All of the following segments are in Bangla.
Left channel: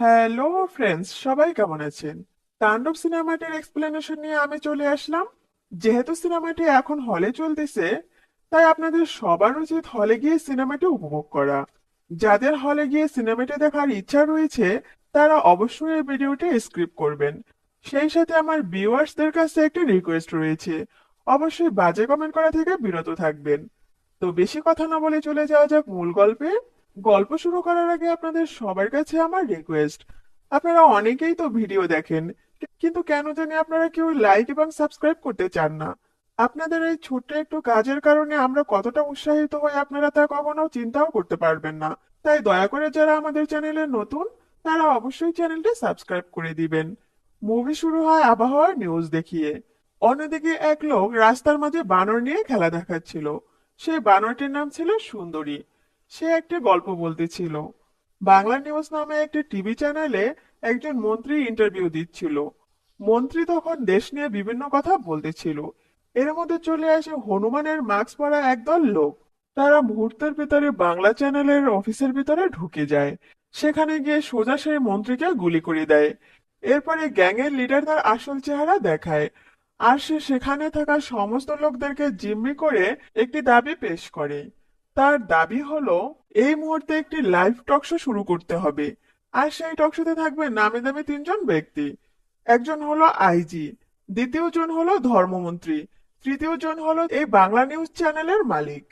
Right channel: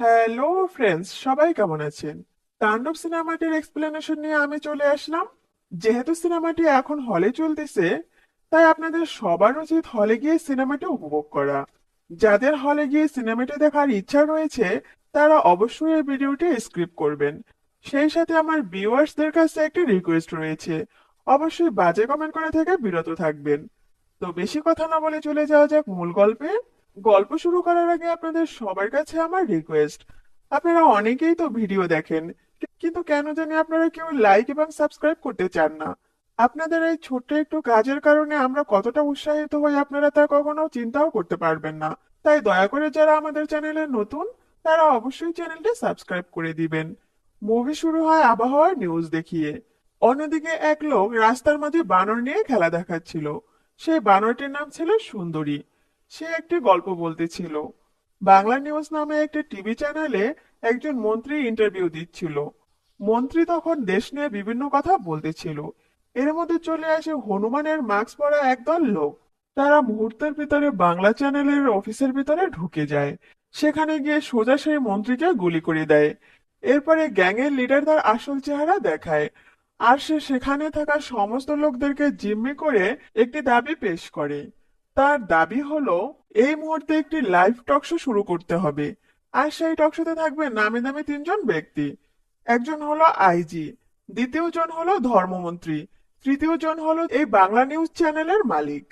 হ্যালো ফ্রেন্ডস, সবাই কেমন আছেন? তাণ্ডব সিনেমাটির এক্সপ্লেনেশন নিয়ে আমি চলে আসলাম। যেহেতু সিনেমাটি এখন হলে চলতেছে, তাই আপনাদের সবার উচিত হলে গিয়ে সিনেমাটি উপভোগ করা। যাদের হলে গিয়ে সিনেমাটি দেখার ইচ্ছা রয়েছে, তারা অবশ্যই এই ভিডিওটি স্কিপ করবেন। সেই সাথে আমার ভিউয়ার্সদের কাছে একটি রিকোয়েস্ট রয়েছে, অবশ্যই বাজে কমেন্ট করা থেকে বিরত থাকবেন। তো বেশি কথা না বলে চলে যাওয়া যাক মূল গল্পে। গল্প শুরু করার আগে আপনাদের সবার কাছে আমার রিকোয়েস্ট, আপনারা অনেকেই তো ভিডিও দেখেন, কিন্তু কেন জানি আপনারা কেউ লাইক এবং সাবস্ক্রাইব করতে চান না। আপনাদের এই ছোট্ট একটু কাজের কারণে আমরা কতটা উৎসাহিত হই আপনারা তা কখনো চিন্তাও করতে পারবেন না। তাই দয়া করে যারা আমাদের চ্যানেলে নতুন, তারা অবশ্যই চ্যানেলটি সাবস্ক্রাইব করে দিবেন। মুভি শুরু হয় আবহাওয়ার নিউজ দেখিয়ে। অন্যদিকে এক লোক রাস্তার মাঝে বানর নিয়ে খেলা দেখাচ্ছিল। সে বানরটির নাম ছিল সুন্দরী। সে একটি গল্প বলতেছিল। বাংলা নিউজ নামে একটা টিভি চ্যানেলে একজন মন্ত্রী ইন্টারভিউ দিচ্ছিল। মন্ত্রী তখন দেশ নিয়ে বিভিন্ন কথা বলতেছিল। এর মধ্যে চলে আসে হনুমানের মাস্ক পরা একদল লোক। তারা মুহূর্তের ভিতরে বাংলা চ্যানেলের অফিসের ভিতরে ঢুকে যায়। সেখানে গিয়ে সোজা সেই মন্ত্রীকে গুলি করে দেয়। এরপরে গ্যাংয়ের লিডার তার আসল চেহারা দেখায়। আর সে সেখানে থাকা সমস্ত লোকদেরকে জিম্মি করে একটি দাবি পেশ করে। তার দাবি হলো, এই মুহূর্তে একটি লাইভ টক শো শুরু করতে হবে। আর সেই টক শোতে থাকবে নামি দামি তিনজন ব্যক্তি। একজন হলো আইজি, দ্বিতীয় জন হলো ধর্মমন্ত্রী, তৃতীয় জন হলো এই বাংলা নিউজ চ্যানেলের মালিক।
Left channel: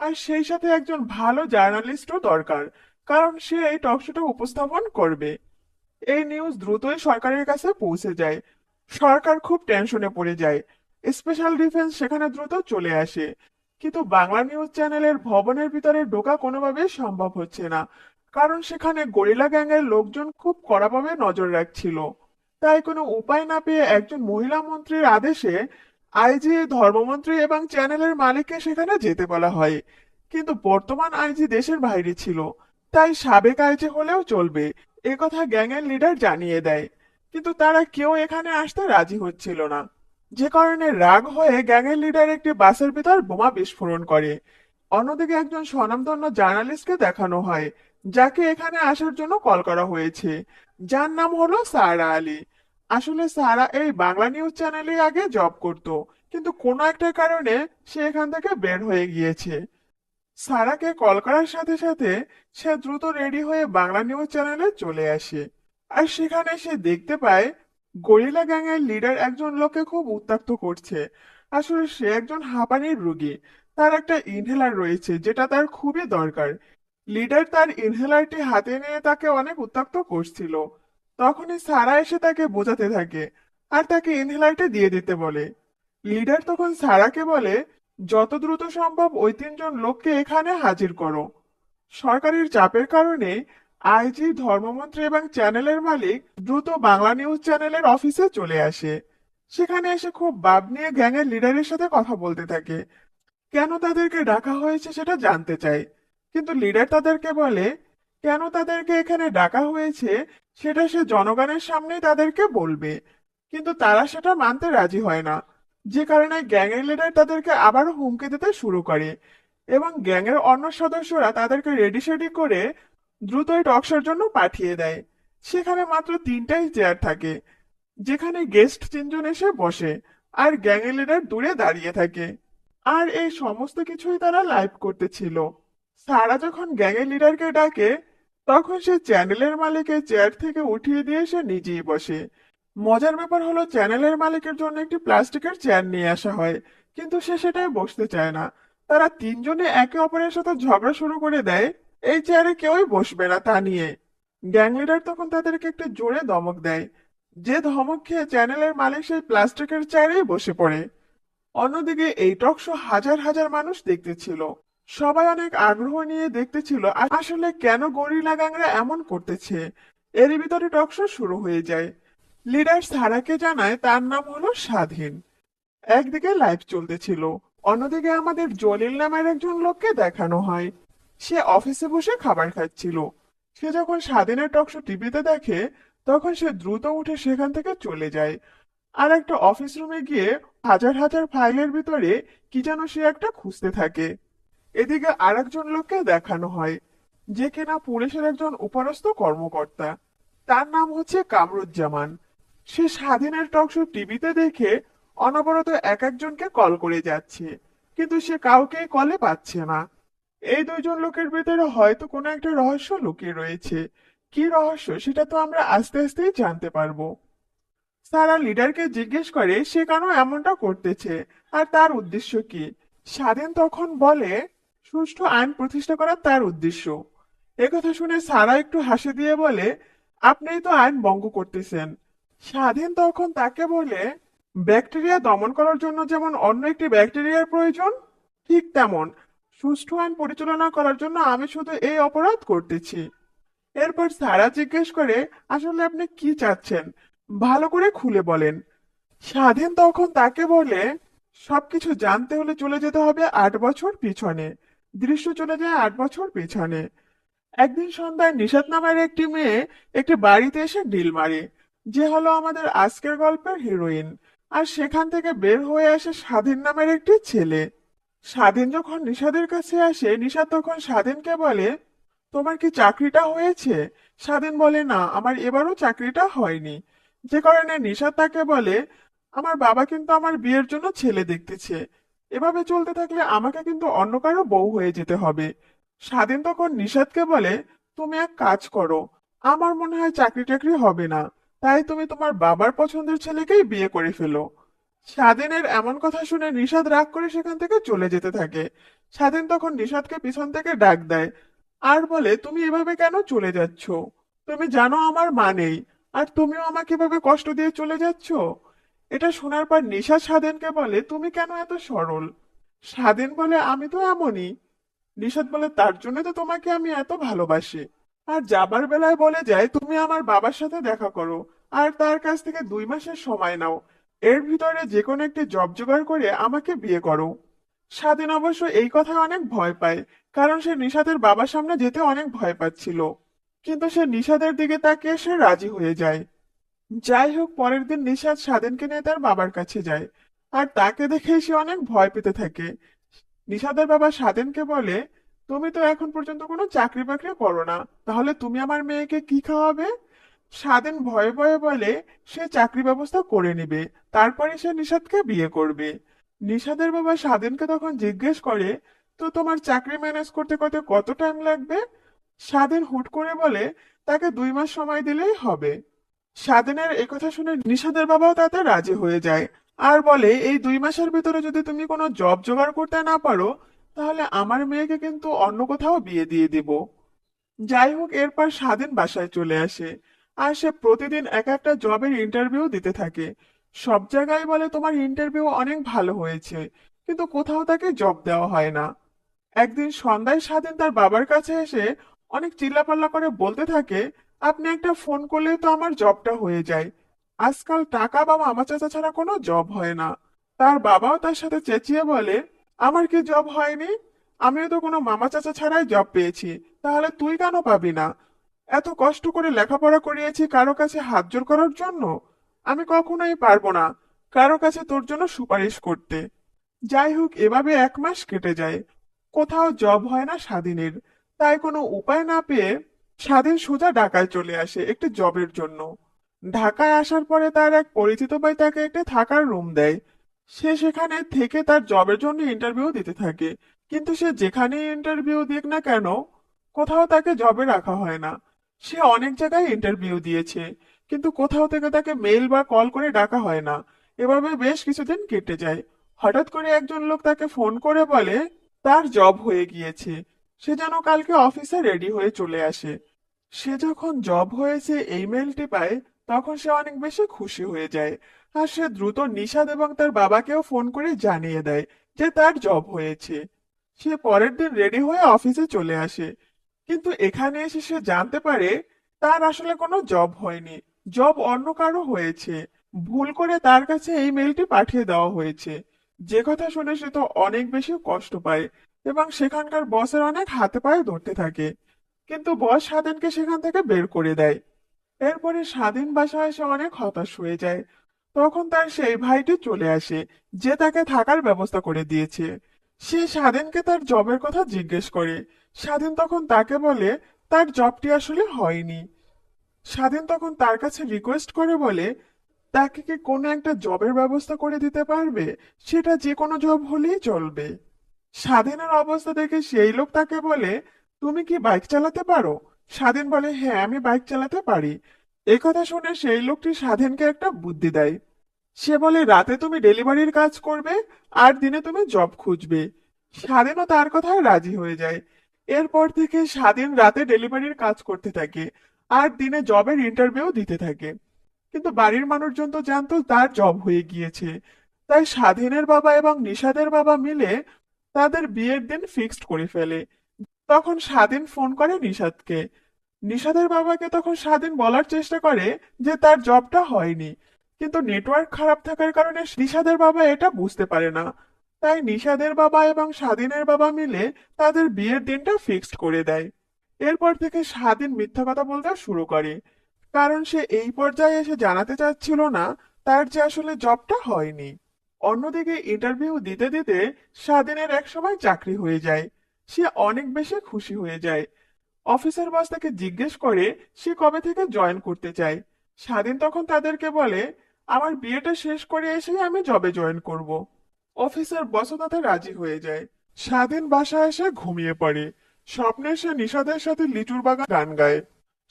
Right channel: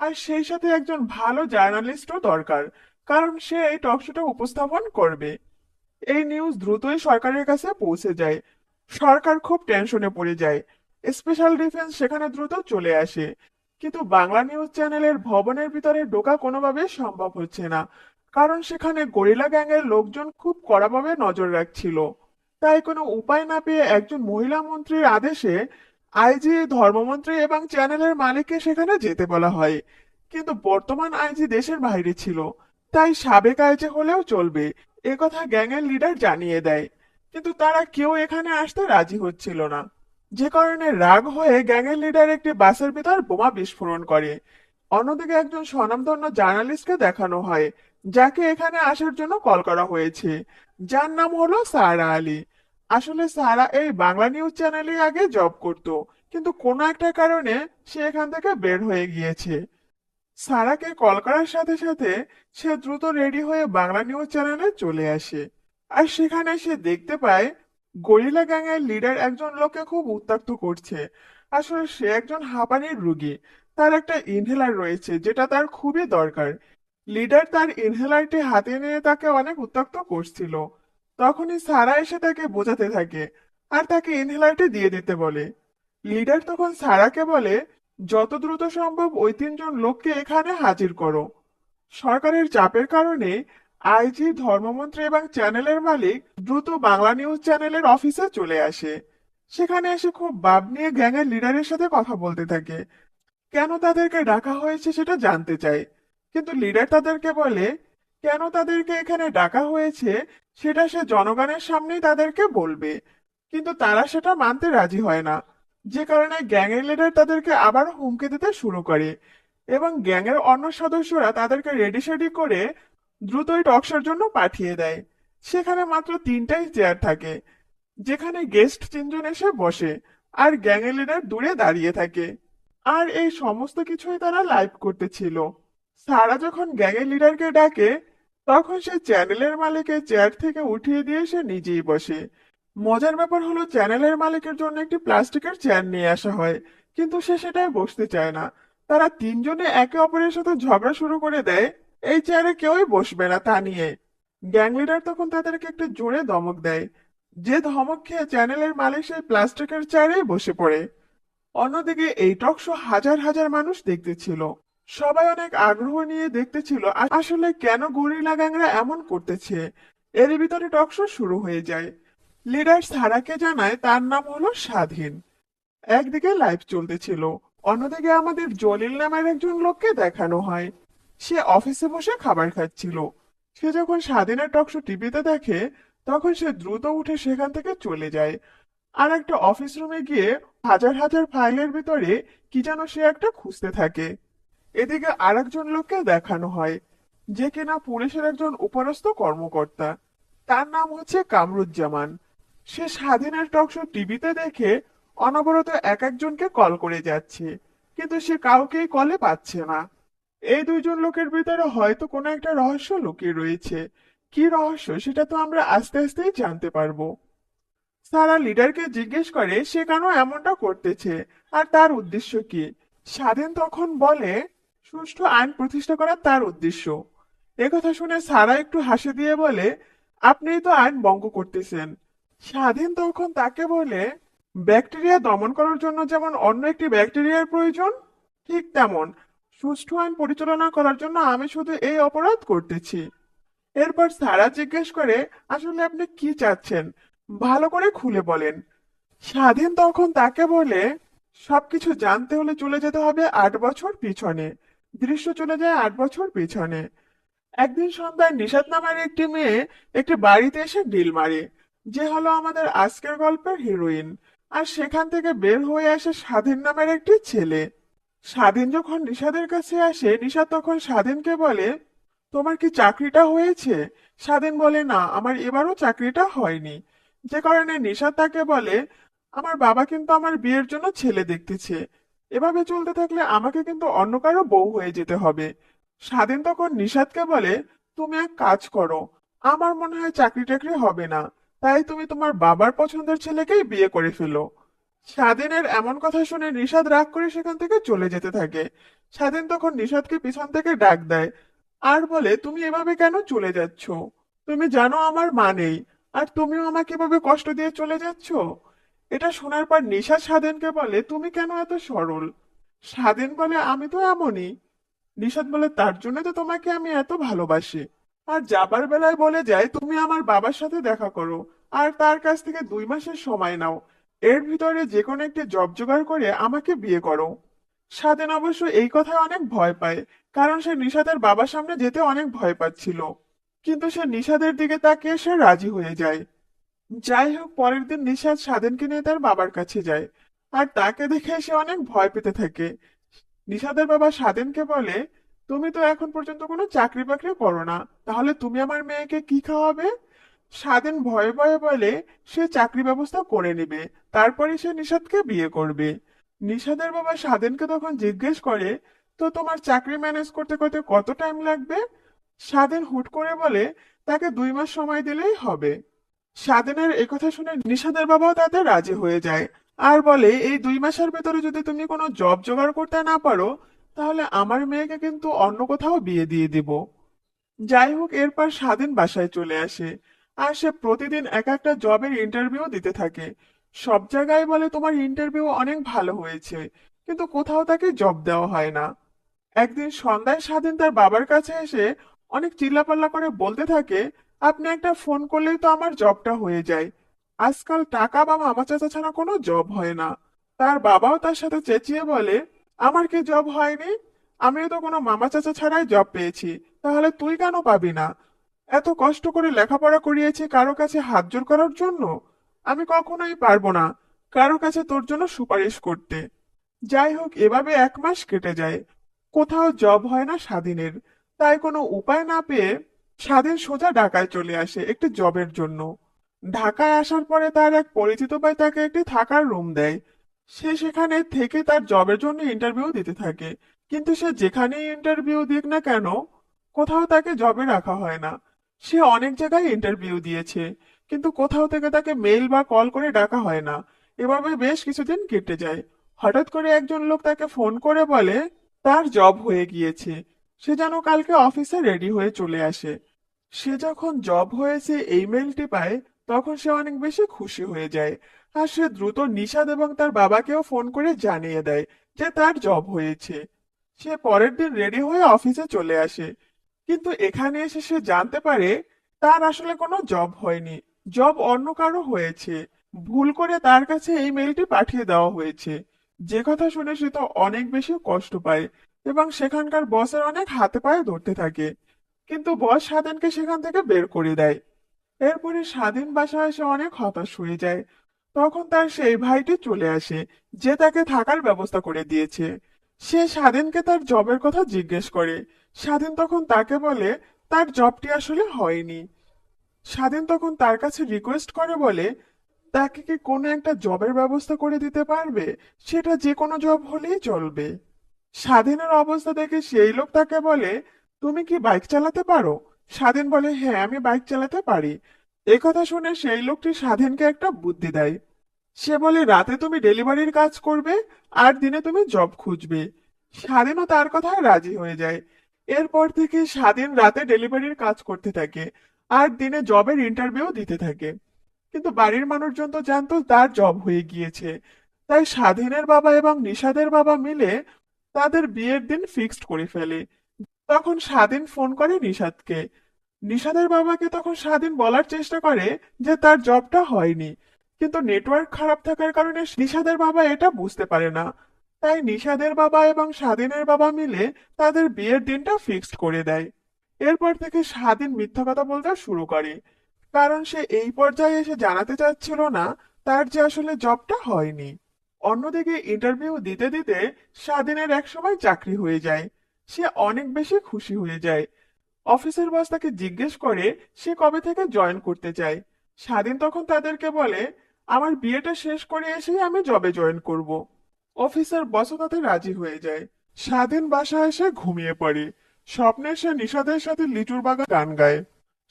আর সেই সাথে একজন ভালো জার্নালিস্টও দরকার, কারণ সে এই টক শোটা উপস্থাপন করবে। এই নিউজ দ্রুতই সরকারের কাছে পৌঁছে যায়। সরকার খুব টেনশনে পড়ে যায়। স্পেশাল ডিফেন্স সেখানে দ্রুত চলে আসে। কিন্তু বাংলা নিউজ চ্যানেলের ভবনের ভিতরে ঢোকা কোনোভাবে সম্ভব হচ্ছে না, কারণ সেখানে গরিলা গ্যাংয়ের লোকজন খুব কড়াভাবে নজর রাখছিল। তাই কোনো উপায় না পেয়ে একজন মহিলা মন্ত্রীর আদেশে আইজি, ধর্মমন্ত্রী এবং চ্যানেলের মালিককে সেখানে যেতে বলা হয়। কিন্তু বর্তমান আইজি দেশের বাইরে ছিল, তাই সাবেক আইজি হলেও চলবে, এ কথা গ্যাংয়ের লিডার জানিয়ে দেয়। কিন্তু তারা কেউ এখানে আসতে রাজি হচ্ছিল না। যে কারণে রাগ হয়ে গ্যাংয়ের লিডার একটি বাসের ভিতর বোমা বিস্ফোরণ করে। অন্যদিকে একজন স্বনামধন্য জার্নালিস্টকে দেখানো হয়, যাকে এখানে আসার জন্য কল করা হয়েছে, যার নাম হলো সারা আলী। আসলে সারা এই বাংলা নিউজ চ্যানেলে আগে জব করত, কিন্তু কোনো একটা কারণে সে এখান থেকে বের হয়ে গিয়েছে। সারাকে কল করার সাথে সাথে সে দ্রুত রেডি হয়ে বাংলা নিউজ চ্যানেলে চলে আসে। আর সেখানে সে দেখতে পায় গরিলা গ্যাংয়ের লিডার একজন লোককে খুব উত্ত্যক্ত করছে। আসলে সে একজন হাঁপানির রোগী। তার একটা ইনহেলার রয়েছে যেটা তার খুবই দরকার। লিডার তার ইনহেলারটি হাতে নিয়ে তাকে অনেক উত্ত্যক্ত করছিল। তখনই সারা এসে তাকে বোঝাতে থাকে আর তাকে ইনহেলারটি দিয়ে দিতে বলে। লিডার তখন সারাকে বলে, যত দ্রুত সম্ভব ওই তিনজন লোককে এখানে হাজির করো। সরকারের চাপের কারণে আইজি, ধর্মমন্ত্রী এবং চ্যানেলের মালিক দ্রুত বাংলা নিউজ চ্যানেলের অফিসে চলে আসে। সেখানে এসে খুব ভাব নিয়ে গ্যাংয়ের লিডারের সাথে কথা বলতে থাকে। কেন তাদেরকে ডাকা হয়েছে সেটা জানতে চায়। কিন্তু লিডার তাদেরকে বলে, কেন তাদেরকে এখানে ডাকা হয়েছে সেটা সে জনগণের সামনেই তাদেরকে বলবে। কিন্তু তারা সেটা মানতে রাজি হয় না। যে কারণে গ্যাংয়ের লিডার তাদেরকে আবার হুমকি দিতে শুরু করে এবং গ্যাংয়ের অন্য সদস্যরা তাদেরকে রেডি সেডি করে দ্রুতই টকশোর জন্য পাঠিয়ে দেয়। সেখানে মাত্র তিনটাই চেয়ার থাকে, যেখানে গেস্ট তিনজন এসে বসে আর গ্যাংয়ের লিডার দূরে দাঁড়িয়ে থাকে। আর এই সমস্ত কিছুই তারা লাইভ করতেছিল। সারা যখন গ্যাংয়ের লিডারকে ডাকে, তখন সে চ্যানেলের মালিকের চেয়ার থেকে উঠিয়ে দিয়ে সে নিজেই বসে। মজার ব্যাপার হলো, চ্যানেলের মালিকের জন্য একটি প্লাস্টিকের চেয়ার নিয়ে আসা হয়, কিন্তু সে সেটায় বসতে চায় না। তারা তিনজনে একে অপরের সাথে ঝগড়া শুরু করে দেয়, এই চেয়ারে কেউই বসবে না তা নিয়ে। গ্যাং লিডার তখন তাদেরকে একটা জোরে ধমক দেয়, যে ধমক খেয়ে চ্যানেলের মালিক সেই প্লাস্টিকের চেয়ারে বসে পড়ে। অন্যদিকে এই টক শো হাজার হাজার মানুষ দেখতেছিল। সবাই অনেক আগ্রহ নিয়ে দেখতেছিল আসলে কেন গরিলা গ্যাংরা এমন করতেছে। এর ভিতরে টক শো শুরু হয়ে যায়। লিডার সারাকে জানায় তার নাম হলো স্বাধীন। একদিকে লাইভ চলতেছিল, অন্যদিকে আমাদের জলিল নামের একজন লোককে দেখানো হয়। সে অফিসে বসে খাবার খাচ্ছিল। সে যখন স্বাধীনের টক শো টিভিতে দেখে, তখন সে দ্রুত উঠে সেখান থেকে চলে যায়। আর একটা অফিস রুমে গিয়ে হাজার হাজার ফাইলের ভিতরে কি যেন সে একটা খুঁজতে থাকে। এদিকে আরেকজন লোককে দেখানো হয়, যে কিনা পুলিশের একজন উপরস্থ কর্মকর্তা। তার নাম হচ্ছে কামরুজ্জামান। সে স্বাধীনের টকশো টিভিতে দেখে অনবরত এক একজনকে কল করে যাচ্ছে, কিন্তু সে কাউকে কলে পাচ্ছে না। এই দুইজন লোকের ভিতরে হয়তো কোনো একটা রহস্য লুকিয়ে রয়েছে। কি রহস্য সেটা তো আমরা আস্তে আস্তেই জানতে পারবো। সারা লিডারকে জিজ্ঞেস করে সে কেন এমনটা করতেছে আর তার উদ্দেশ্য কি। স্বাধীন তখন বলে সুষ্ঠু আইন প্রতিষ্ঠা করা তার উদ্দেশ্য। একথা শুনে সারা একটু হাসি দিয়ে বলে, আপনিই তো আইন ভঙ্গ করতেছেন। স্বাধীন তখন তাকে বলে, ব্যাকটেরিয়া দমন করার জন্য যেমন অন্য একটি ব্যাকটেরিয়ার প্রয়োজন, ঠিক তেমন সুষ্ঠু আইন পরিচালনা করার জন্য আমি শুধু এই অপরাধ করতেছি। এরপর সারা জিজ্ঞেস করে, আসলে আপনি কি চাচ্ছেন, ভালো করে খুলে বলেন। স্বাধীন তখন তাকে বলে, সবকিছু জানতে হলে চলে যেতে হবে 8 বছর পিছনে। দৃশ্য চলে যায় 8 বছর পিছনে। একদিন সন্ধ্যায় নিশাত নামের একটি মেয়ে একটি বাড়িতে এসে ঢিল মারে, যে হলো আমাদের আজকের গল্পের হিরোইন। আর সেখান থেকে বের হয়ে আসে স্বাধীন নামের একটি ছেলে। স্বাধীন যখন নিশাদের কাছে আসে, নিশাদ তখন স্বাধীনকে বলে, তোমার কি চাকরিটা হয়েছে? স্বাধীন বলে, না, আমার এবারও চাকরিটা হয়নি। যে কারণে নিশাদ তাকে বলে, আমার বাবা কিন্তু আমার বিয়ের জন্য ছেলে দেখতেছে। এভাবে চলতে থাকলে আমাকে কিন্তু অন্য কারো বউ হয়ে যেতে হবে। স্বাধীন তখন নিশাদকে বলে, তুমি এক কাজ করো, আমার মনে হয় চাকরি টাকরি হবে না, তাই তুমি তোমার বাবার পছন্দের ছেলেকেই বিয়ে করে ফেলো। স্বাধীনের এমন কথা শুনে নিশাদ রাগ করে সেখান থেকে চলে যেতে থাকে। স্বাধীন তখন নিশাদকে পিছন থেকে ডাক দেয় আর বলে, তুমি এভাবে কেন চলে যাচ্ছ? তুমি জানো আমার মা নেই, আর তুমিও আমাকে এভাবে কষ্ট দিয়ে চলে যাচ্ছ। এটা শোনার পর নিশাদ স্বাধীনকে বলে, তুমি কেন এত সরল? স্বাধীন বলে, আমি তো এমনই। নিশাদ বলে, তার জন্য তো তোমাকে আমি এত ভালোবাসি। আর যাবার বেলায় বলে যায়, তুমি আমার বাবার সাথে দেখা করো আর তার কাছ থেকে 2 মাসের সময় নাও। এর ভিতরে যে কোনো একটা জব জোগাড় করে আমাকে বিয়ে করো। স্বাধীন অবশ্য এই কথায় অনেক ভয় পায়, কারণ সে নিশাদের বাবার সামনে যেতে অনেক ভয় পাচ্ছিল। কিন্তু সে নিশাদের দিকে তাকিয়ে সে রাজি হয়ে যায়। যাই হোক, পরের দিন নিশাদ স্বাধীনকে নিয়ে তার বাবার কাছে যায়, আর তাকে দেখে সে অনেক ভয় পেতে থাকে। নিশাদের বাবা স্বাধীনকে বলে, তুমি তো এখন পর্যন্ত কোনো চাকরি বাকরি করো না, তাহলে তুমি আমার মেয়েকে কি খাওয়াবে? স্বাধীন ভয়ে ভয়ে বলে, সে চাকরি ব্যবস্থা করে নেবে, তারপরে সে নিশাদকে বিয়ে করবে। নিশাদের বাবা স্বাধীনকে তখন জিজ্ঞেস করে, তো তোমার চাকরি ম্যানেজ করতে করতে কত টাইম লাগবে? স্বাধীন হুট করে বলে, তাকে 2 মাস সময় দিলেই হবে। স্বাধীনের একথা শুনে নিশাদের বাবাও তাতে রাজি হয়ে যায়, আর বলে, এই 2 মাসের ভিতরে যদি তুমি কোনো জব জোগাড় করতে না পারো, তাহলে আমার মেয়েকে কিন্তু অন্য কোথাও বিয়ে দিয়ে দিব। যাই হোক, এরপর স্বাধীন বাসায় চলে আসে, আর সে প্রতিদিন এক একটা জবের ইন্টারভিউ দিতে থাকে। সব জায়গায় বলে তোমার ইন্টারভিউ অনেক ভালো হয়েছে, কিন্তু কোথাও তাকে জব দেওয়া হয় না। একদিন সন্ধ্যায় স্বাধীন তার বাবার কাছে এসে অনেক চিল্লাপাল্লা করে বলতে থাকে, আপনি একটা ফোন করলেই তো আমার জবটা হয়ে যায়। আজকাল টাকা বা মামা চাচা ছাড়া কোনো জব হয় না। তার বাবাও তার সাথে চেঁচিয়ে বলে, আমার কি জব হয়নি? আমিও তো কোনো মামা চাচা ছাড়াই জব পেয়েছি, তাহলে তুই কেন পাবি না? এত কষ্ট করে লেখাপড়া করিয়েছি কারো কাছে হাত জোড় করার জন্য? আমি কখনোই পারবো না কারো কাছে তোর জন্য সুপারিশ করতে। যাই হোক, এভাবে 1 মাস কেটে যায়, কোথাও জব হয় না স্বাধীনের। তাই কোনো উপায় না পেয়ে স্বাধীন সোজা ঢাকায় চলে আসে একটি জবের জন্য। ঢাকায় আসার পরে তার এক পরিচিত ভাই তাকে একটি থাকার রুম দেয়। সে সেখানে থেকে তার জবের জন্য ইন্টারভিউ দিতে থাকে, কিন্তু সে যেখানেই ইন্টারভিউ দিক না কেন, কোথাও তাকে জবে রাখা হয় না। সে অনেক জায়গায় ইন্টারভিউ দিয়েছে, কিন্তু কোথাও থেকে তাকে মেইল বা কল করে ডাকা হয় না। এভাবে বেশ কিছুদিন কেটে যায়। হঠাৎ করে একজন লোক তাকে ফোন করে বলে তার জব হয়ে গিয়েছে। সে যেন কালকে অফিসে রেডি হয়ে চলে আসে। সে যখন জব হয়েছে এই মেইলটি পায়, তখন সে অনেক বেশি খুশি হয়ে যায়। আর সে দ্রুত নিশাদ এবং তার বাবাকেও ফোন করে জানিয়ে দেয় যে তার জব হয়েছে। সে পরের দিন রেডি হয়ে অফিসে চলে আসে, কিন্তু এখানে এসে সে জানতে পারে তার আসলে কোনো জব হয়নি, জব অন্য কারো হয়েছে। ভুল করে তার কাছে এই মেইলটি পাঠিয়ে দেওয়া হয়েছে। যে কথা শুনে সে তো অনেক বেশি কষ্ট পায় এবং সেখানকার বসের অনেক হাতে পায়ে ধরতে থাকে, কিন্তু বস স্বাধীনকে সেখান থেকে বের করে দেয়। এরপরে স্বাধীন বাসায় এসে অনেক হতাশ হয়ে যায়। তখন তার সেই ভাইটি চলে আসে, যে তাকে থাকার ব্যবস্থা করে দিয়েছে। সে স্বাধীনকে তার জবের কথা জিজ্ঞেস করে। স্বাধীন তখন তাকে বলে তার জবটি আসলে হয়নি। স্বাধীন তখন তার কাছে রিকোয়েস্ট করে বলে তাকে কি কোনো একটা জবের ব্যবস্থা করে দিতে পারবে, সেটা যে কোনো জব হলেই চলবে। স্বাধীনের অবস্থা দেখে সেই লোক তাকে বলে তুমি কি বাইক চালাতে পারো? স্বাধীন বলে হ্যাঁ আমি বাইক চালাতে পারি। একথা শুনে সেই লোকটি স্বাধীনকে একটা বুদ্ধি দেয়। সে বলে রাতে তুমি ডেলিভারির কাজ করবে আর দিনে তুমি জব খুঁজবে। স্বাধীনও তার কথায় রাজি হয়ে যায়। এরপর থেকে স্বাধীন রাতে ডেলিভারির কাজ করতে থাকে আর দিনে জবের ইন্টারভিউ দিতে থাকে। কিন্তু বাড়ির মানুষজন তো জানতো তার জব হয়ে গিয়েছে। তাই স্বাধীনের বাবা এবং নিশাদের বাবা মিলে তাদের বিয়ের দিন ফিক্সড করে ফেলে। তখন স্বাধীন ফোন করে নিশাদকে। নিশাদের বাবাকে তখন স্বাধীন বলার চেষ্টা করে যে তার জবটা হয়নি, কিন্তু নেটওয়ার্ক খারাপ থাকার কারণে নিশাদের বাবা এটা বুঝতে পারে না। তাই নিশাদের বাবা এবং স্বাধীনের বাবা মিলে তাদের বিয়ের দিনটা ফিক্সড করে দেয়। এরপর থেকে স্বাধীন মিথ্যা কথা বলতে শুরু করে, কারণ সে এই পর্যায়ে এসে জানাতে চাচ্ছিল না তার যে আসলে জবটা হয়নি। অন্যদিকে ইন্টারভিউ দিতে দিতে স্বাধীনের একসময় চাকরি হয়ে যায়। সে অনেক বেশি খুশি হয়ে যায়। অফিসের বস তাকে জিজ্ঞেস করে সে কবে থেকে জয়েন করতে চায়। স্বাধীন তখন তাদেরকে বলে আমার বিয়েটা শেষ করে এসেই আমি জবে জয়েন করব। অফিসের বসও তাতে রাজি হয়ে যায়। স্বাধীন বাসায় এসে ঘুমিয়ে পড়ে। স্বপ্নে সে নিশাদের সাথে লিচুর বাগান গান গায়।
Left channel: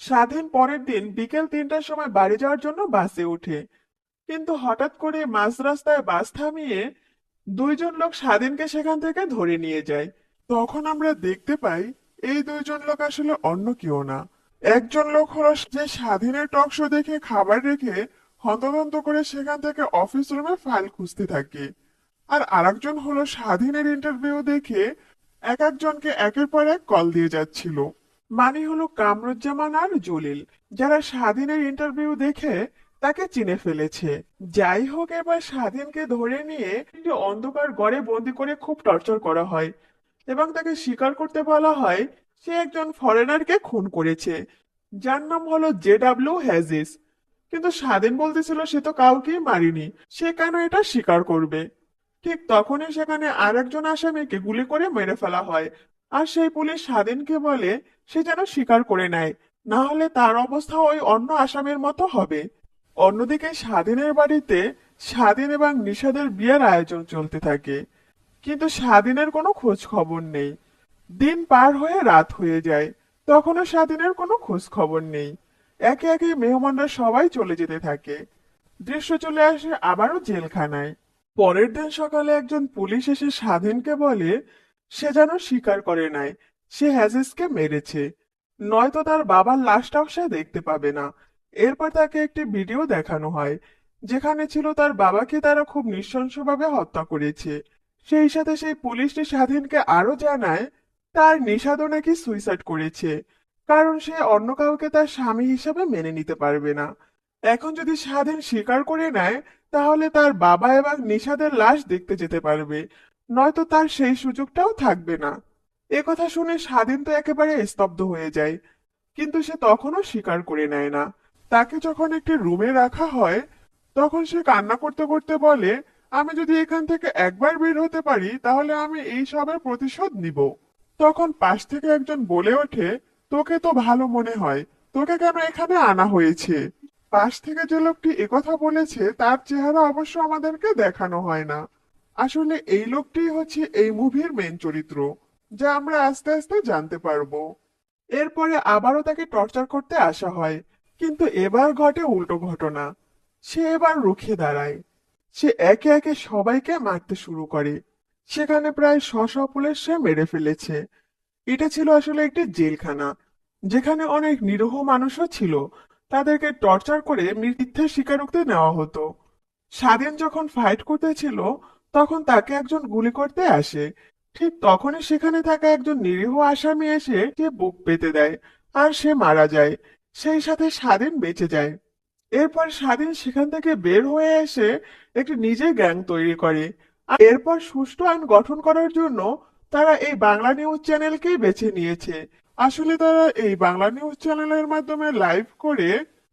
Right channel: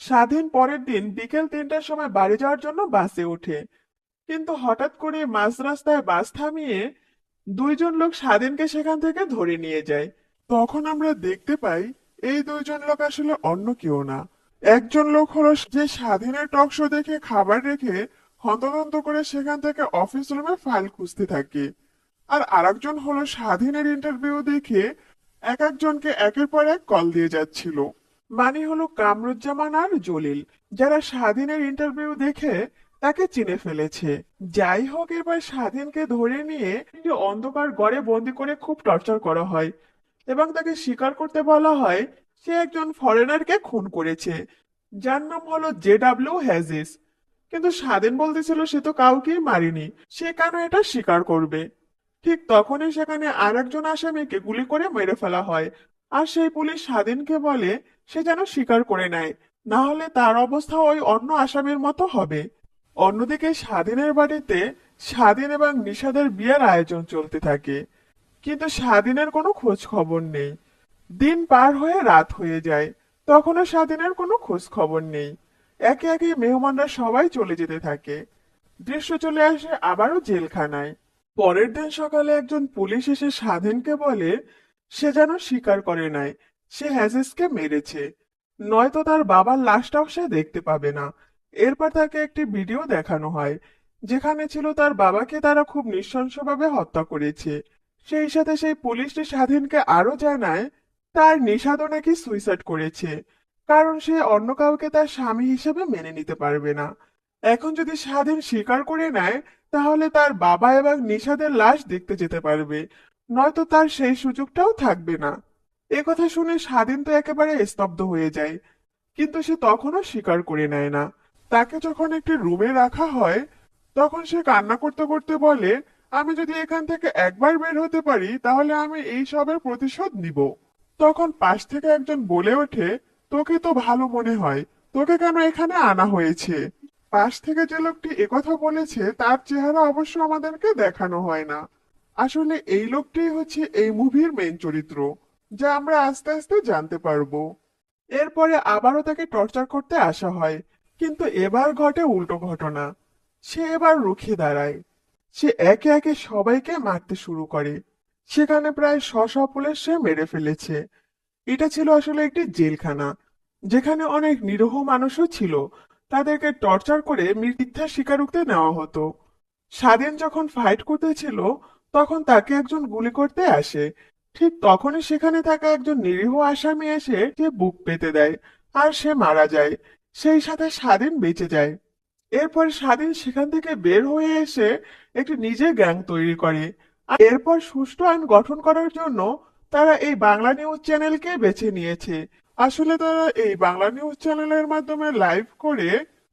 স্বাধীন পরের দিন বিকেল 3টার সময় বাড়ি যাওয়ার জন্য বাসে ওঠে, কিন্তু হঠাৎ করে মাঝ রাস্তায় বাস থামিয়ে দুইজন লোক স্বাধীনকে সেখান থেকে ধরে নিয়ে যায়। তখন আমরা দেখতে পাই এই দুইজন লোক আসলে অন্য কেউ না। একজন লোক হলো যে স্বাধীনের টক শো দেখে খাবার রেখে হন্তদন্ত করে সেখান থেকে অফিস রুমে ফাইল খুঁজতে থাকে। আর আরেকজন হলো স্বাধীনের ইন্টারভিউ দেখে এক একজনকে একের পর এক কল দিয়ে যাচ্ছিল। মানে হলো কামরুজ্জামান আর জলিল, যারা স্বাধীনের ইন্টারভিউ দেখে তাকে চিনে ফেলেছে। যাই হোক, এবার স্বাধীনকে ধরে নিয়ে একটি অন্ধকার ঘরে বন্দি করে খুব টর্চার করা হয় এবং তাকে স্বীকার করতে বলা হয় সে একজন ফরেনারকে খুন করেছে, যার নাম হলো জেডাব্লিউ হ্যাজিস। কিন্তু স্বাধীন বলতেছিল সে তো কাউকেই মারিনি, সে কেন এটা স্বীকার করবে। ঠিক তখনই সেখানে আর একজন আসামিকে গুলি করে মেরে ফেলা হয়। আর সেই পুলিশ স্বাধীনকে বলে সে যেন স্বীকার করে নেয়, না হলে তার অবস্থা ওই অন্য আসামির মতো হবে। অন্যদিকে স্বাধীনের বাড়িতে স্বাধীন এবং নিশাদের বিয়ের আয়োজন চলতে থাকে, কিন্তু স্বাধীনের কোনো খোঁজ খবর নেই। দিন পার হয়ে রাত হয়ে যায়, তখনও স্বাধীনের কোনো খোঁজ খবর নেই। একে একে মেহমানরা সবাই চলে যেতে থাকে। দৃশ্য চলে আসে আবারও জেলখানায়। পরের দিন সকালে একজন পুলিশ এসে স্বাধীনকে বলে সে যেন স্বীকার করে নাই সে হ্যাজিসকে মেরেছে, নয়তো তার বাবার লাশটাও সে দেখতে পাবে না। এরপর তাকে একটি ভিডিও দেখানো হয় যেখানে ছিল তার বাবাকে তারা খুব নৃশংসভাবে হত্যা করেছে। সেই সাথে সেই পুলিশটি স্বাধীনকে আরো জানায় তার নিষাদও নাকি সুইসাইড করেছে, কারণ সে অন্য কাউকে তার স্বামী হিসাবে মেনে নিতে পারবে না। এখন যদি স্বাধীন স্বীকার করে নেয় তাহলে তার বাবা এবং নিশাদের লাশ দেখতে যেতে পারবে, নয়তো তার সেই সুযোগটাও থাকবে না। এ কথা শুনে স্বাধীন তো একেবারে স্তব্ধ হয়ে যায়, কিন্তু সে তখনও স্বীকার করে নেয় না। তাকে যখন একটি রুমে রাখা হয় তখন সে কান্না করতে করতে বলে আমি যদি এখান থেকে একবার বের হতে পারি তাহলে আমি এই সবের প্রতিশোধ নিব। তখন পাশ থেকে একজন বলে ওঠে তোকে তো ভালো মনে হয়, তোকে কেন এখানে আনা হয়েছে? পাশ থেকে যে লোকটি একথা বলেছে তার চেহারা অবশ্য আমাদেরকে দেখানো হয় না। আসলে এই লোকটি হচ্ছে এই মুভির মেইন চরিত্র, যা আমরা আস্তে আস্তে জানতে পারবো। এরপরে আবারও তাকে টর্চার করতে আসা হয়, কিন্তু এবার ঘটে উল্টো ঘটনা। সে এবার রুখে দাঁড়ায়। সে একে একে সবাইকে মারতে শুরু করে। সেখানে প্রায় 100 পুলিশ সে মেরে ফেলেছে। এটা ছিল আসলে একটি জেলখানা, যেখানে অনেক নিরীহ মানুষও ছিল। তাদেরকে টর্চার করে মিথ্যা স্বীকারোক্তি নেওয়া হতো। স্বাধীন যখন ফাইট করতেছিল তখন তাকে একজন গুলি করতে আসে। ঠিক তখনই সেখানে থাকা একজন নিরীহ আসামি এসে সে বুক পেতে দেয় আর সে মারা যায়। সেই সাথে স্বাধীন বেঁচে যায়। এরপর স্বাধীন সেখান থেকে বের হয়ে এসে একটি নিজের গ্যাং তৈরি করে। আর এরপর সুষ্ঠু আইন গঠন করার জন্য তারা এই বাংলা নিউজ চ্যানেলকে বেছে নিয়েছে। আসলে তারা এই বাংলা নিউজ চ্যানেলের মাধ্যমে লাইভ করে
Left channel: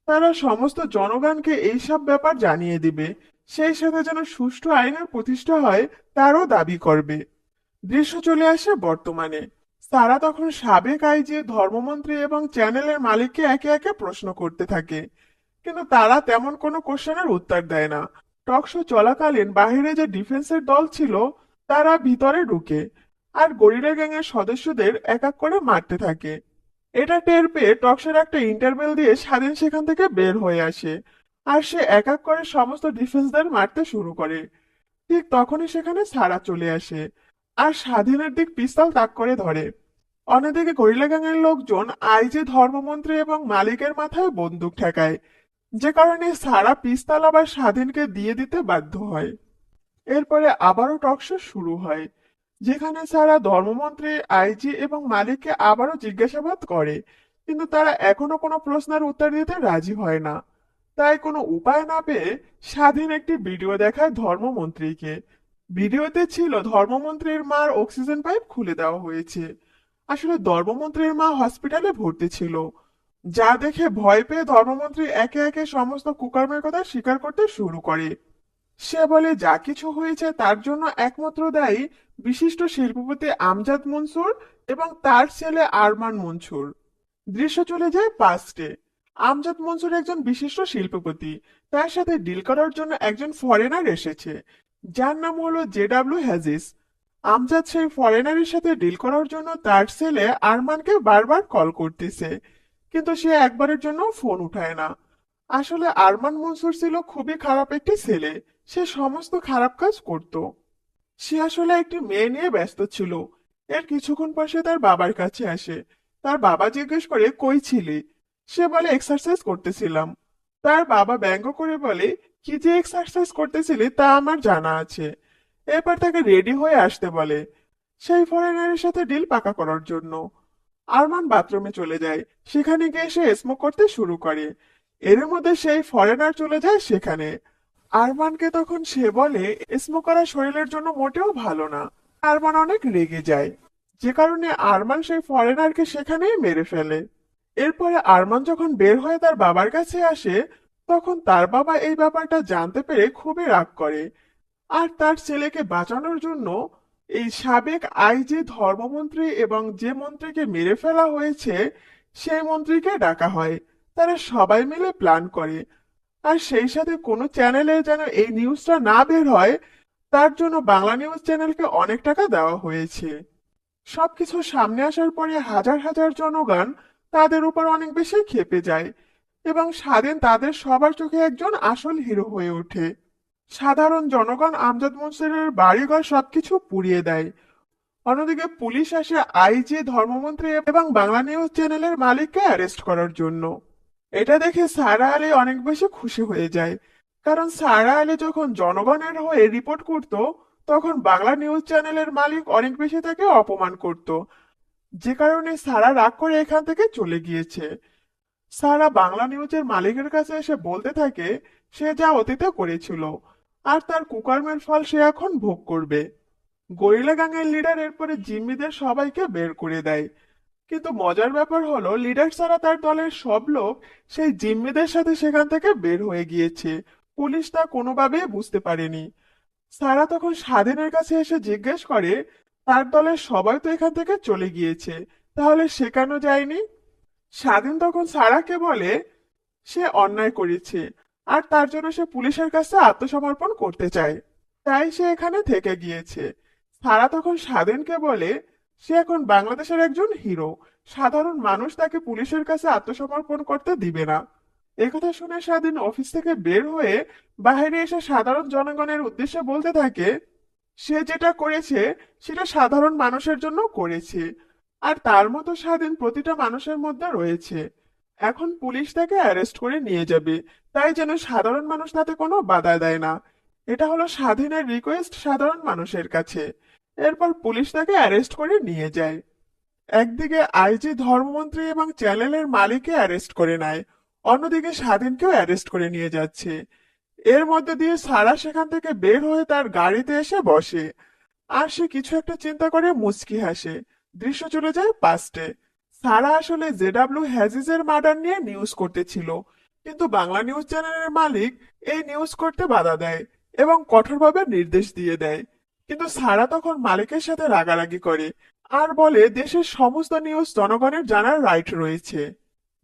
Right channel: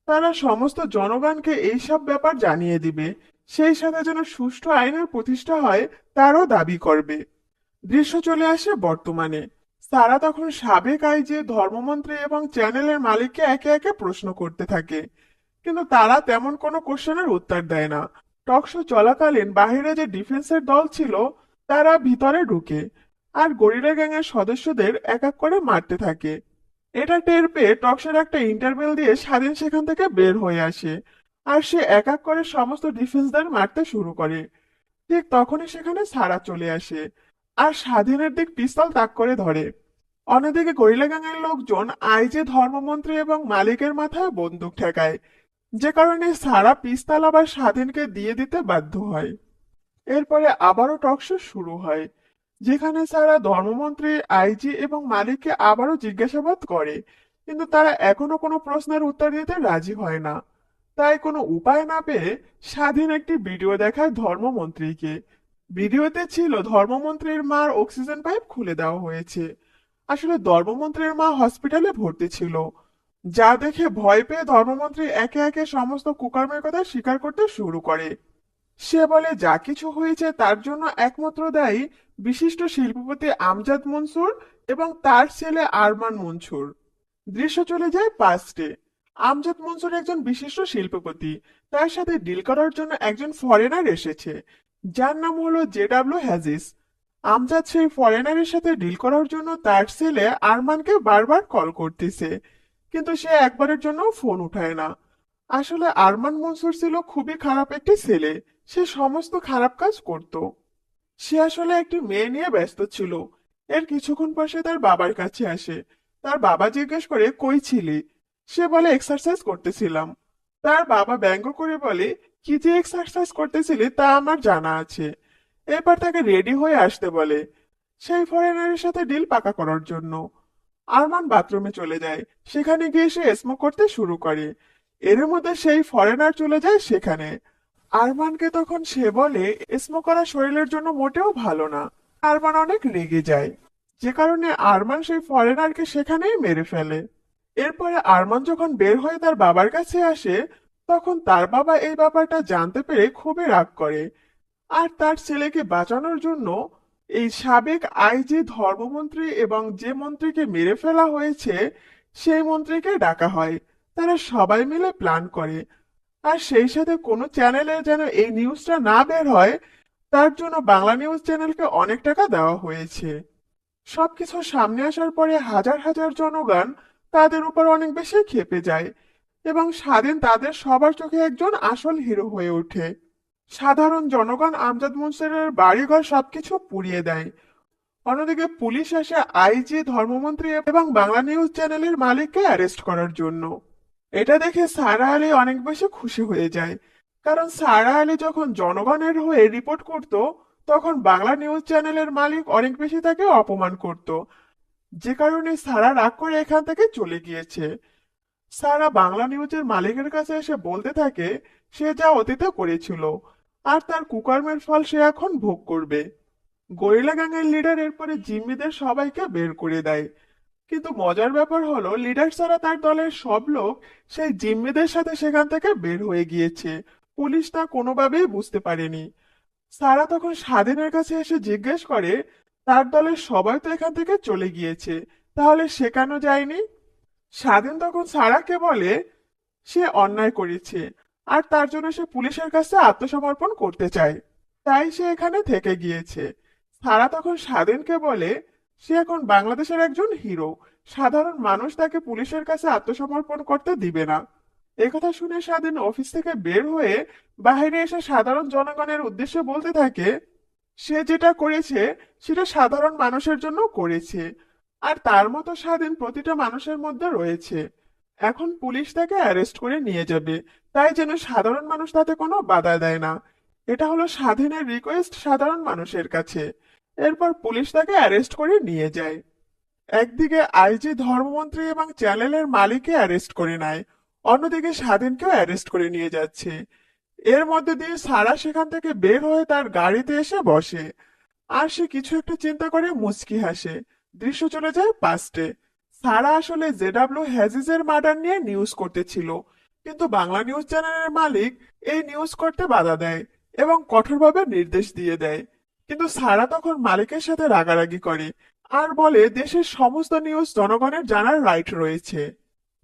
তারা সমস্ত জনগণকে এইসব ব্যাপার জানিয়ে দিবে, সেই সাথে যেন সুষ্ঠু আইনের প্রতিষ্ঠা হয় তারও দাবি করবে। দৃশ্য চলে আসে বর্তমানে। তারা তখন সাবেক আইজি, ধর্মমন্ত্রী এবং চ্যানেলের মালিককে একে একে প্রশ্ন করতে থাকে, কিন্তু তারা তেমন কোনো কোশ্চেনের উত্তর দেয় না। টক শো চলাকালীন বাইরে যে ডিফেন্সের দল ছিল তারা ভিতরে ঢুকে আর গরিলা গ্যাংয়ের সদস্যদের এক এক করে মারতে থাকে। এটা টের পেয়ে টকশোর একটা ইন্টারভেল দিয়ে স্বাধীন সেখান থেকে বের হয়ে আসে আর সে এক এক করে সমস্ত ডিফেন্সদের মারতে শুরু করে। ঠিক তখনই সেখানে সারা চলে আসে আর স্বাধীনের দিক পিস্তল তাক করে ধরে। অন্যদিকে গরিলা গ্যাংয়ের লোকজন আইজে, ধর্মমন্ত্রী এবং মালিকের মাথায় বন্দুক ঠেকায়, যে কারণে সারা পিস্তল আবার স্বাধীনকে দিয়ে দিতে বাধ্য হয়। এরপরে আবারও টকশো শুরু হয়, যেখানে সারা ধর্মমন্ত্রী, আইজি এবং মালিককে আবারও জিজ্ঞাসাবাদ করে, কিন্তু তারা এখনো কোনো প্রশ্নের উত্তর দিতে রাজি হয় না। তাই কোনো উপায় না পেয়ে স্বাধীন একটি ভিডিও দেখায় ধর্মমন্ত্রীকে। ভিডিওতে ছিল ধর্মমন্ত্রীর মার অক্সিজেন পাইপ খুলে দেওয়া হয়েছে। আসলে ধর্মমন্ত্রীর মা হসপিটালে ভর্তি ছিল, যা দেখে ভয় পেয়ে ধর্মমন্ত্রী একে একে সমস্ত কুকর্মের কথা স্বীকার করতে শুরু করে। সে বলে যা কিছু হয়েছে তার জন্য একমাত্র দায়ী বিশিষ্ট শিল্পপতি আমজাদ মনসুর এবং তার ছেলে আরমান মনসুর। দৃশ্য চলে যায় পাস্টে। আমজাদ মনসুর একজন বিশিষ্ট শিল্পপতি, তার সাথে ডিল করার জন্য একজন ফরেনার এসেছে, যার নাম হলো জেডাব্লিউ হ্যাজিস। আমজাদ সেই ফরেনারের সাথে ডিল করার জন্য তার ছেলে আরমানকে বারবার কল করতেছে, কিন্তু সে একবারের জন্য ফোন উঠায় না। আসলে আরমান মনসুর ছিল খুবই খারাপ একটি ছেলে, সে সমস্ত খারাপ কাজ করত। সে আসলে একটি মেয়ে নিয়ে ব্যস্ত ছিল। এর কিছুক্ষণ পর সে তার বাবার কাছে আসে। তার বাবা জিজ্ঞেস করে কই ছিলে? সে বলে এক্সারসাইজ করতেছিলাম। তার বাবা ব্যঙ্গ করে বলে কি যে এক্সারসাইজ করতেছিলি তা আমার জানা আছে। এরপর তাকে রেডি হয়ে আসতে বলে সেই ফরেনারের সাথে ডিল পাকা করার জন্য। আরমান বাথরুমে চলে যায়, সেখানে গিয়ে সে স্মোক করতে শুরু করে। এর মধ্যে সেই ফরেনার চলে যায় সেখানে। আরমানকে তখন সে বলে স্মোক করা শরীরের জন্য মোটেও ভালো না। আরমান অনেক রেগে যায়, যে কারণে আরমান সেই ফরেনারকে সেখানেই মেরে ফেলে। এরপরে আরমান যখন বের হয়ে তার বাবার কাছে আসে, তখন তার বাবা এই ব্যাপারটা জানতে পেরে খুবই রাগ করে আর তার ছেলেকে বাঁচানোর জন্য এই সাবেক আইজি, ধর্মমন্ত্রী এবং যে মন্ত্রীকে মেরে ফেলা হয়েছে সেই মন্ত্রীকে ডাকা হয়। তারা সবাই মিলে প্ল্যান করে আর সেই সাথে কোনো চ্যানেলে যেন এই নিউজটা না বের হয় তার জন্য বাংলা নিউজ চ্যানেলকে অনেক টাকা দেওয়া হয়েছে। সবকিছু সামনে আসার পরে হাজার হাজার জনগণ তাদের উপর অনেক বেশি ক্ষেপে যায় এবং স্বাধীন তাদের সবার চোখে একজন আসল হিরো হয়ে ওঠে। সাধারণ জনগণ আমজাদ মনসুরের বাড়িঘর সবকিছু পুড়িয়ে দেয়। অন্যদিকে পুলিশ আসে আইজি, ধর্মমন্ত্রী এবং বাংলা নিউজ চ্যানেলের মালিককে অ্যারেস্ট করার জন্য। এটা দেখে সারা আলী অনেক বেশি খুশি হয়ে যায়, কারণ সারা আলী যখন জনগণের হয়ে রিপোর্ট করত তখন বাংলা নিউজ চ্যানেলের মালিক অনেক বেশি তাকে অপমান করত, যে কারণে সারা রাগ করে এখান থেকে চলে গিয়েছে। সারা বাংলা নিউজের মালিকের কাছে এসে বলতে থাকে সে যা অতীতে করেছিল আর তার কুকর্মের ফল সে এখন ভোগ করবে। গরিলা গ্যাংয়ের লিডার এরপরে জিম্মিদের সবাইকে বের করে দেয়, কিন্তু মজার ব্যাপার হলো লিডার ছাড়া তার দলের সব লোক সেই জিম্মিদের সাথে সেখান থেকে বের হয়ে গিয়েছে। পুলিশ তা কোনোভাবেই বুঝতে পারেনি। সারা তখন স্বাধীনের কাছে এসে জিজ্ঞেস করে তার দলের সবাই তো এখান থেকে চলে গিয়েছে, তাহলে সে কেন যায়নি? স্বাধীন তখন সারাকে বলে সে অন্যায় করেছে আর তার জন্য সে পুলিশের কাছে আত্মসমর্পণ করতে চায়, তাই সে এখানে থেকে গিয়েছে। সারা তখন স্বাধীনকে বলে সে এখন বাংলাদেশের একজন হিরো, সাধারণ মানুষ তাকে পুলিশের কাছে আত্মসমর্পণ করতে দিবে না। একথা শুনে স্বাধীন অফিস থেকে বের হয়ে বাইরে এসে সাধারণ জনগণের উদ্দেশ্যে বলতে থাকে সে যেটা করেছে সেটা সাধারণ মানুষের জন্য করেছে আর তার মতো স্বাধীন প্রতিটা মানুষের মধ্যে রয়েছে। এখন পুলিশ তাকে অ্যারেস্ট করে নিয়ে যাবে, তাই যেন সাধারণ মানুষ তাতে কোনো বাধা দেয় না। এটা হলো স্বাধীনের রিকোয়েস্ট সাধারণ মানুষের কাছে। এরপর পুলিশ তাকে অ্যারেস্ট করে নিয়ে যায়। একদিকে আইজি, ধর্মমন্ত্রী এবং চ্যানেলের মালিককে অ্যারেস্ট করে নেয়, অন্যদিকে স্বাধীনকেও অ্যারেস্ট করে নিয়ে যাচ্ছে। এর মধ্য দিয়ে সারা সেখান থেকে বের হয়ে তার গাড়িতে এসে বসে আর সে কিছু একটা চিন্তা করে মুচকি হাসে। দৃশ্য চলে যায় পাস্টে। সারা আসলে জেডাব্লিউ হ্যাজিজের মার্ডার নিয়ে নিউজ করতেছিল, কিন্তু বাংলা নিউজ চ্যানেলের মালিক এই নিউজ করতে বাধা দেয় এবং কঠোরভাবে নির্দেশ দিয়ে দেয়। কিন্তু সারা তখন মালিকের সাথে রাগারাগি করে, আর বলে দেশের সমস্ত নিউজ জনগণের জানার রাইট রয়েছে,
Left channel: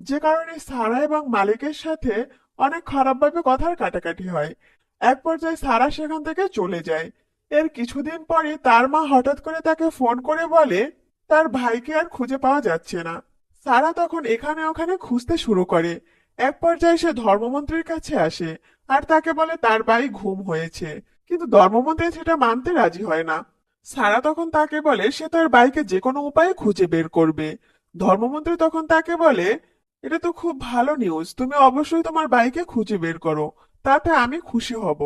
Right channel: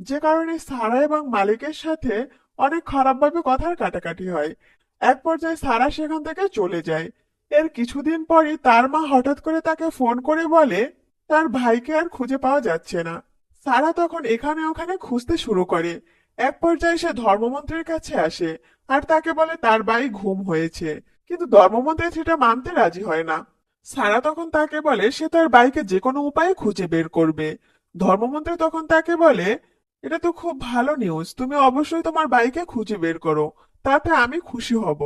যে কারণে সারা এবং মালিকের সাথে অনেক খারাপভাবে কথার কাটাকাটি হয়। এক পর্যায়ে সারা সেখান থেকে চলে যায়। এর কিছুদিন পরে তার মা হঠাৎ করে তাকে ফোন করে বলে তার ভাইকে আর খুঁজে পাওয়া যাচ্ছে না। সারা তখন এখানে ওখানে খুঁজতে শুরু করে। এক পর্যায়ে সে ধর্মমন্ত্রীর কাছে আসে আর তাকে বলে তার ভাই গুম হয়েছে, কিন্তু ধর্মমন্ত্রী সেটা মানতে রাজি হয় না। সারা তখন তাকে বলে সে তার ভাইকে যে কোনো উপায়ে খুঁজে বের করবে। ধর্মমন্ত্রী তখন তাকে বলে এটা তো খুব ভালো নিউজ, তুমি অবশ্যই তোমার ভাইকে খুঁজে বের করো, তাতে আমি খুশি হব।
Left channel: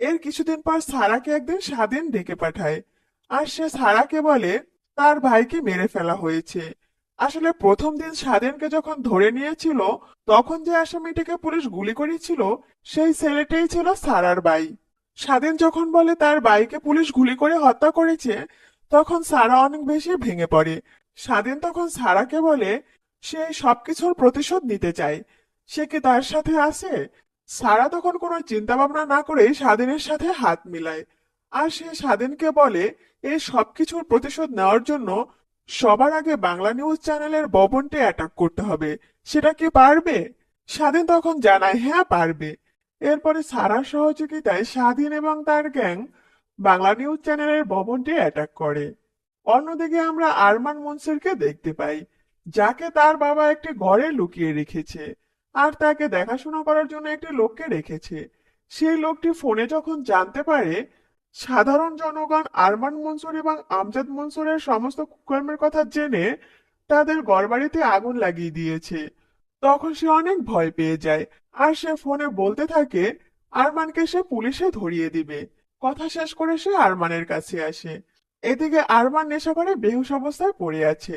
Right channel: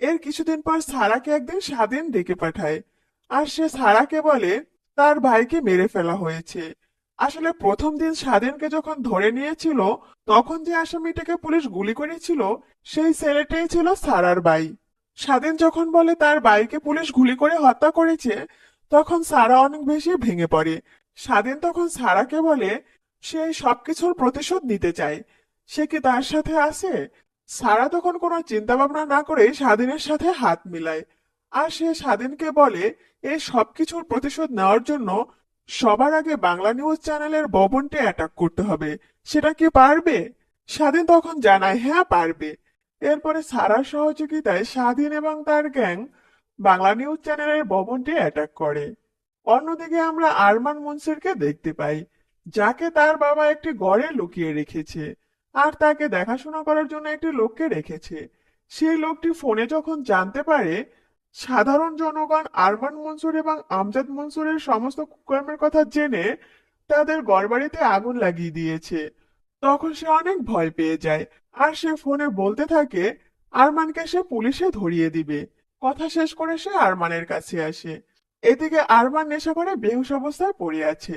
এর কিছুদিন পর সারাকে একদিন স্বাধীন ডেকে পাঠায়। আর সে সারাকে বলে তার ভাইকে মেরে ফেলা হয়েছে। আসলে প্রথম দিন স্বাধীনকে যখন ধরে নিয়েছিল, তখন যে আসামিটিকে পুলিশ গুলি করেছিল সেই ছেলেটাই ছিল সারার ভাই। স্বাধীন যখন বলে তার ভাইকে পুলিশ গুলি করে হত্যা করেছে, তখন সারা অনেক বেশি ভেঙে পড়ে। স্বাধীন তখন সারাকে বলে সে এই সবকিছুর প্রতিশোধ নিতে চায়, সে কি তার সাথে আছে? সারা তখন কোনো চিন্তা ভাবনা না করে স্বাধীনের সাথে হাত মিলায়। আর সে স্বাধীনকে বলে এই সবকিছুর প্রতিশোধ নেওয়ার জন্য সবার আগে বাংলা নিউজ চ্যানেলের ভবনটি অ্যাটাক করতে হবে। সেটা কি পারবে? স্বাধীন তখন জানায় হ্যাঁ পারবে। এরপরে সারার সহযোগিতায় স্বাধীন এবং তার গ্যাং বাংলা নিউজ চ্যানেলের ভবনটি অ্যাটাক করে। অন্যদিকে আমরা আরমান মনসুরকে দেখতে পাই, যাকে তার বাবা একটি ঘরে লুকিয়ে রেখেছে আর তাকে দেখাশোনা করার জন্য একটি লোককে রেখেছে। সেই লোকটি ফোনে যখন জানতে পারে সাধারণ জনগণ আরমান মনসুর এবং আমজাদ মনসুরের সমস্ত কুকর্মের কথা জেনে তাদের ঘরবাড়িতে আগুন লাগিয়ে দিয়েছে, তখন সে অনেক ভয় পেয়ে যায়। আর সে ফোনে বলতে থাকে আরমানকে সে পুলিশে ধরিয়ে দিবে। কথা শেষ করে সে আরমানের কাছে আসে। এদিকে আরমান নেশা করে বেহুশ অবস্থায় পড়ে আছে।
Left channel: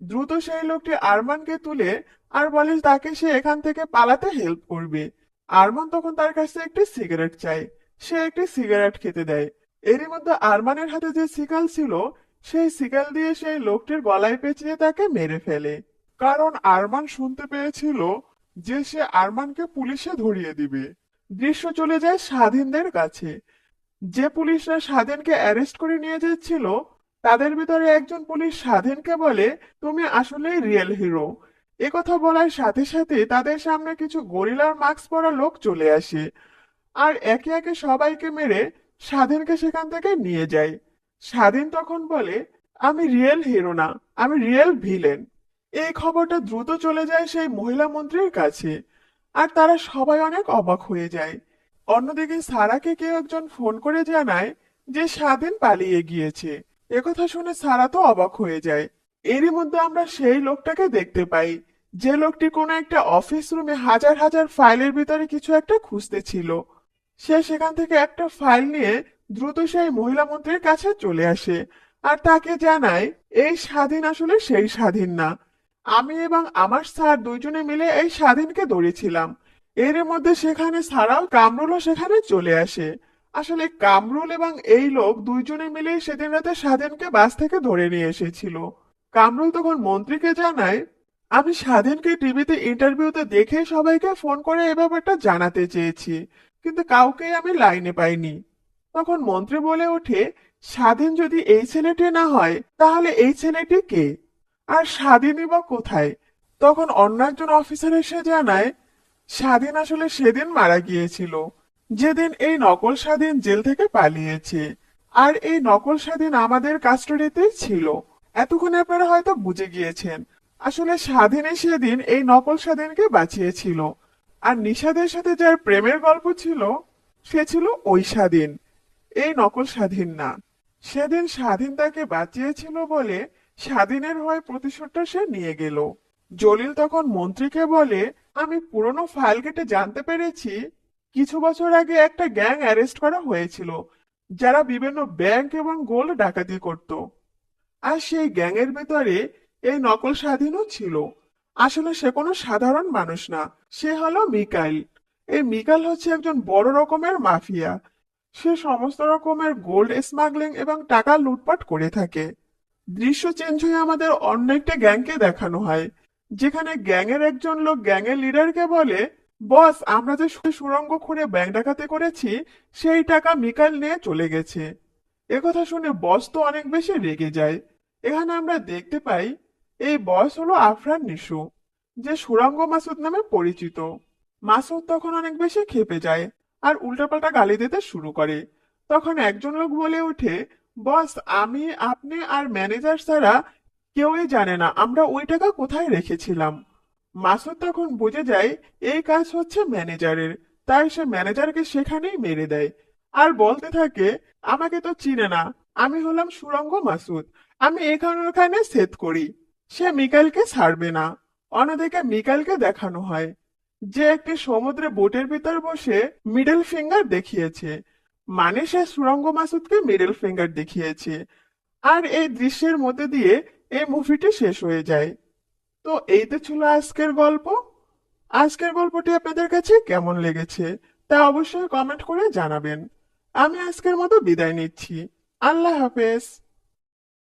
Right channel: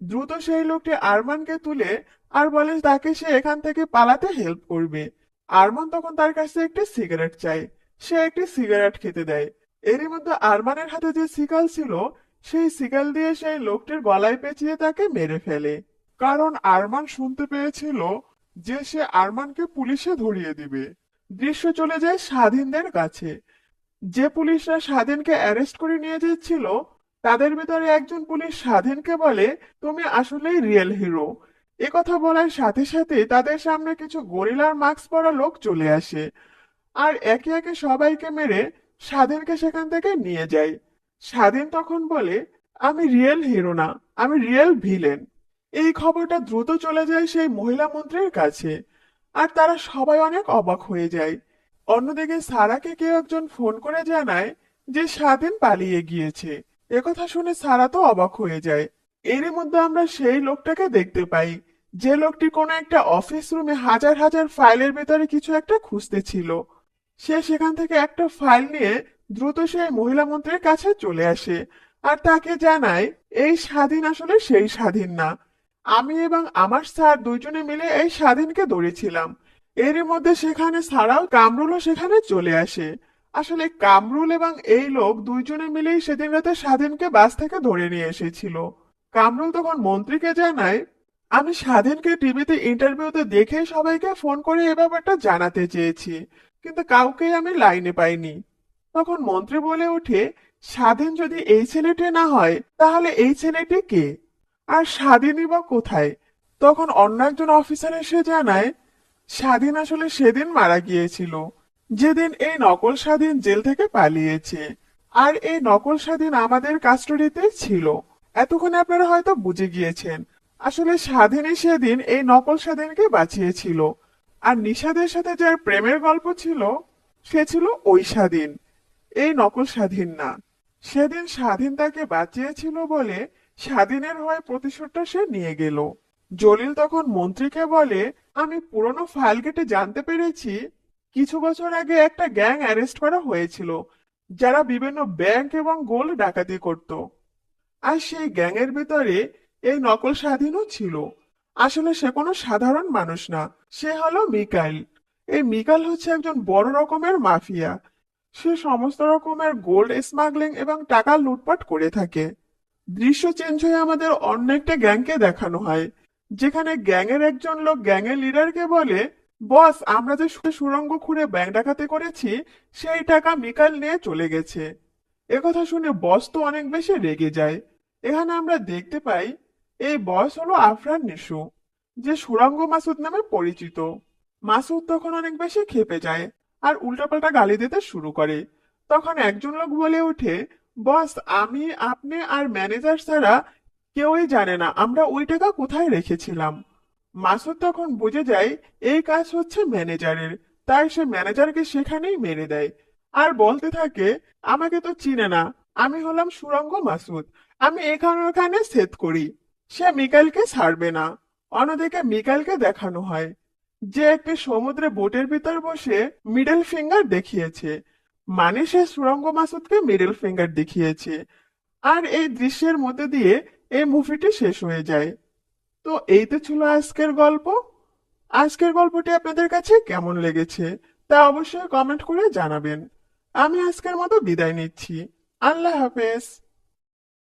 দ্রুত সেই লোকটি আরমানকে তুলে আর বলে তাকে সে এখান থেকে পালাতে হেল্প করবে। আরমান তখন তার কাছে একটি সিগারেট চায়। সে একটি সিগারেট খেতে দেয়। এরই মধ্যে আরমানের হাতে যে শিকাল ছিল সেই শিকাল দিয়ে সেই লোকটির গলায় পেঁচিয়ে তাকে মেরে ফেলে। কারণ আরমান শুনতে পেয়েছিল যে সে আরমানকে পুলিশে ধরিয়ে দিবে। দৃশ্য চলে যায় স্বাধীনদের কাছে। যে পুলিশরা স্বাধীনকে অ্যারেস্ট করে নিয়ে যাচ্ছিল, তাদের ভিতরে একজন পুলিশ স্বাধীনকে বলে তুমি আসলেই রিয়েল হিরো। কথা বলার সাথে সাথে তাদের সামনে কিছু গরিলার মাস্ক পরা লোক চলে আসে আর একে একে সবাইকে মেরে স্বাধীনকে সেখান থেকে নিয়ে যায়। স্বাধীন তখন বলে আমি রিয়েল হিরো না, আমি রিয়েল ভিলেন। এই খবরটা দ্রুত চলে যায় সেই মহিলা মন্ত্রীর কাছে আর তারা সবাই অনেক অবাক হয়ে যায়। অন্যদিকে সারাকে কেউ একজন ফোন করে জানায় যে স্বাধীন পালিয়ে গিয়েছে। একথা শুনে সারা তো অবাক হয়ে যায়। এরই মধ্যে আমরা সেই লোকটাকে দেখতে পাই, যে লোকটি কোনো একটা অফিস রুমে হাজার হাজার ফাইলের ভিতরে কিছু একটা খুঁজতেছিল। সে সেখান থেকে একটা ফাইল নিয়ে দ্রুত সেই মহিলা মন্ত্রীর কাছে চলে আসে আর তাকে জানায় এই স্বাধীন আসলে সেই স্বাধীন না, আমি এবং আমার স্যার দুইজনে মিলে এই স্বাধীনকে ধরেছিলাম। এর মধ্যে সেখানে ছাড়াও কামরুলও সেখানে চলে আসে। আসলে কামরুল এবং এই লোক দুইজনে মিলেই সেদিন রাতে স্বাধীনকে বাস থেকে ধরে নিয়ে এসেছিল। কামরুল তখন মন্ত্রীকে জানায় আমি স্বাধীনকে টিভিতে ইন্টারভিউতে দেখেই সবাইকে ফোন করে এই ব্যাপারটা জানাতে চেয়েছি, কিন্তু কাউকেই আমি লাইনে পাইনি। তখন মন্ত্রী বলে ওঠে স্বাধীন যদি এই ছেলেটি না হয় তাহলে এই ছেলেটি কে, আর স্বাধীনই বা কোথায়? তখন অন্য একজন অফিসার এসে জানায় স্বাধীন আসলে সেদিন মারা গিয়েছিল, যেদিন এই নকল স্বাধীন জেল থেকে পালিয়েছে। আর এই নকল স্বাধীন আমাদের কাস্টডিতে ছিল। এতক্ষণে আপনারা হয়তো বুঝে গিয়েছেন আসলে স্বাধীনই সেদিন এই নকল স্বাধীনকে বাঁচিয়েছিল। আর নিষাদের সাথে যার প্রেমের গল্প ছিল সে ছিল ওই স্বাধীন, এই নকল স্বাধীন না। সেদিন স্বাধীন তাকে বাঁচিয়েছিল বলে স্বাধীনের হয়ে প্রতিশোধটা সে নিয়ে গেল। জলিল তখন মন্ত্রীকে বলে আমি পুরনো ফাইল ঘেটে জানতে পেরেছি কিছু বছর আগে একটা গ্যাং অ্যারেস্ট করা হয়েছিল যারা বিভিন্ন ব্যাংক এবং গোল্ড ডাকাতি করত। আর সেই গ্যাংয়ের ভেতরে এই নকল স্বাধীনও ছিল। আসলে সে কোনো সাধারণ মানুষ না, সে হলো মিকাইল। এই মিকাইল হচ্ছে একজন বড় রকমের মাফিয়া। সে সমস্ত রকমের গোল্ড স্মাগলিং এবং টাকা লুটপাট করে থাকে। দৃশ্য চেঞ্জ হয়ে আমাদের অন্য একটা গ্যাংকে দেখানো হয়, যেখানে গ্যাংয়ের একজন লোক গ্যাংয়ের লিডারকে বলে বস আমরা যে সুড়ঙ্গ খুঁড়ে ব্যাংক ডাকাতি করেছি সেই টাকা মিকাইল নিয়ে চলে গেছে। একথা শুনে বস তো অনেক বেশি রেগে যায়। এখানে আমরা দেখতে পাই এই বস হলো আফরান নিশু, যে সুরাঙ্গ মাসুদ নামে পরিচিত। মাসুদ তখন অনেক বেশি ক্ষেপে যায় আর উল্টাপাল্টা গালি দিতে শুরু করে। তখন একজন লোক বলে ওঠে, বস, আমি, আপনি আর ম্যানেজার ছাড়া কেউই জানে না আমরা ওই টাকা কোথায় রেখেছিলাম। মাসুদ তখন বুঝে যায় এই কাজ হচ্ছে ম্যানেজারের, তাই সে ম্যানেজারকে সেখানেই মেরে দেয় আর বলতে থাকে, আমাকে তো চিনে না, আমি হলাম সুরঙ্গ মাসুদ, আমি এখানে ওখানে সেট করি। সে মিকাইলকে ছাড়বে না। অন্যদিকে মিকাইলকে দেখানো হয় যে একটি সমুদ্রে বোটের ভিতর বসে মিডল ফিঙ্গার দেখিয়েছে, মানে সে সুরঙ্গ মাসুদকে মিডল ফিঙ্গার দেখিয়েছে। আর এই দৃশ্যের মধ্যে দিয়ে এই মুভিটি শেষ হয়ে যায়। তো এই তো ছিল আজকের গল্প। আজকের গল্পটি আপনাদের কাছে কেমন লেগেছে তা অবশ্যই কমেন্ট করে জানাবেন। আমি আজকের মতো বিদায় নিচ্ছি। আল্লাহ হাফেজ।